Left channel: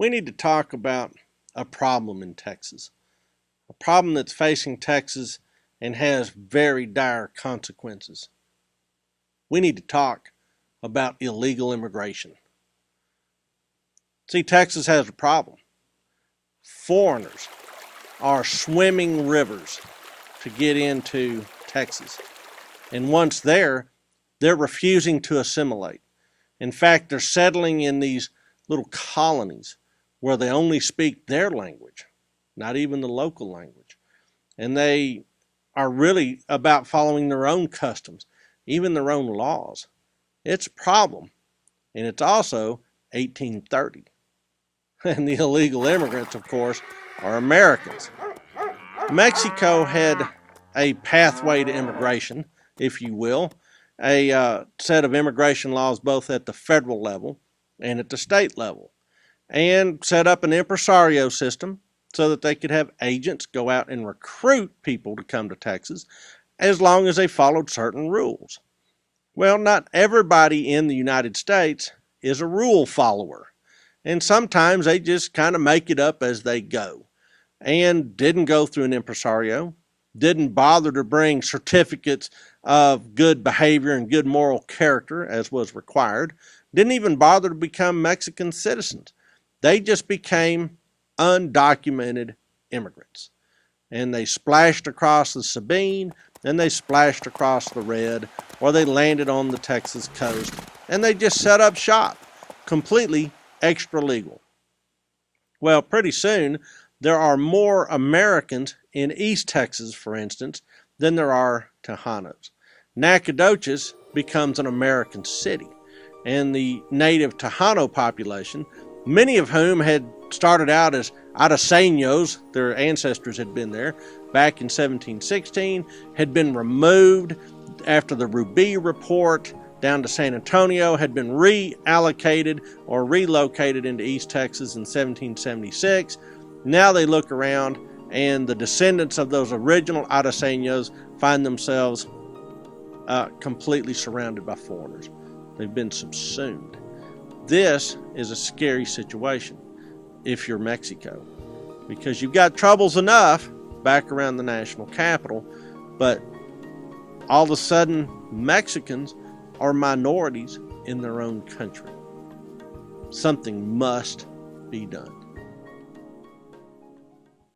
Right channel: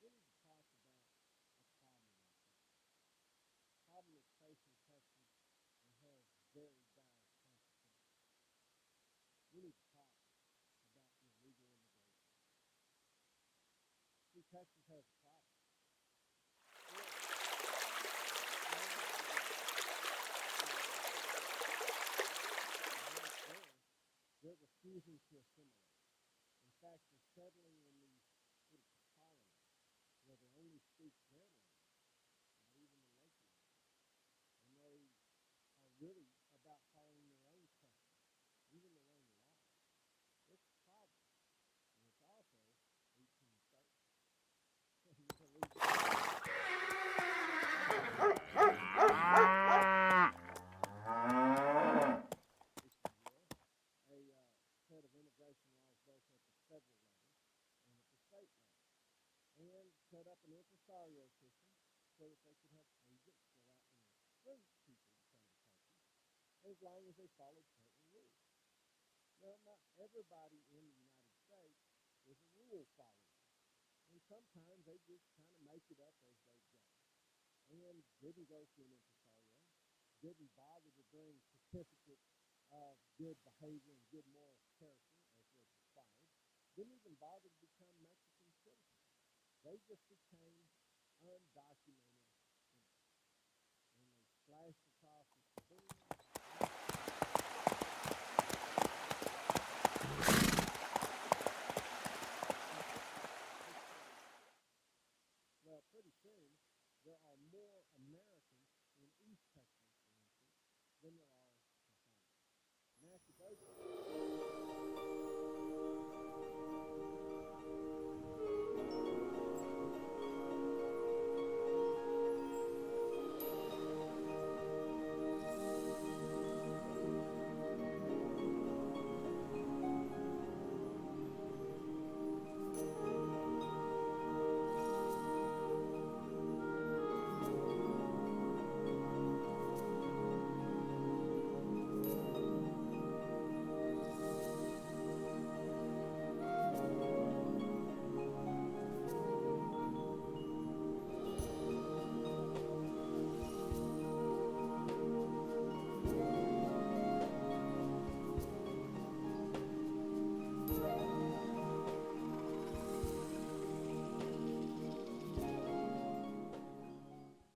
we need to talk about a problem in Texas, a problem that's facing Texas and has very dire consequences. We need to talk about illegal immigration. See, Texas has a problem. Foreigners are swimming rivers to get into Texas. And once there, they're refusing to assimilate. In fact, they're settling in these little colonies where they only speak their language, not even the local language. And they are really about following their own customs, even their own laws. It's a problem. And it's also 1830. And the illegal immigrants, of course, are Americans. Mexico had a pathway to immigration, if you will, a set of immigration laws both at the federal level and at the state level, and set up an impresario system so that they could have agents go out and recruit people to come to Texas as long as they followed certain rules. Well, not everybody in the United States is a rule follower, and sometimes they just kind of make it up as they go and didn't go through an impresario, didn't bother to bring certificates of good behavior and good moral character as was required, didn't even bother to become Mexican citizens. They just became undocumented immigrants. And they splashed across the Sabine, and they splashed across the Red, or they landed on the Texas coast, and they just set up shop, completely extra legal. Well, pretty soon, there are more Americans in East Texas, for instance, than there are Tejanos. Nacogdoches becomes an American city, and the native Tejano population, many of whom had started out as Ataseños, their ancestors had been there back in 1716, had been removed after the Ruby Report down to San Antonio, had been reallocated or relocated into East Texas in 1776. Now they look around and the descendants of those original Ataseños find themselves completely surrounded by foreigners. They've been subsumed. This is a scary situation if you're Mexico, because you've got troubles enough back around the national capital, but all of a sudden Mexicans are minorities in their own country. Something must be done.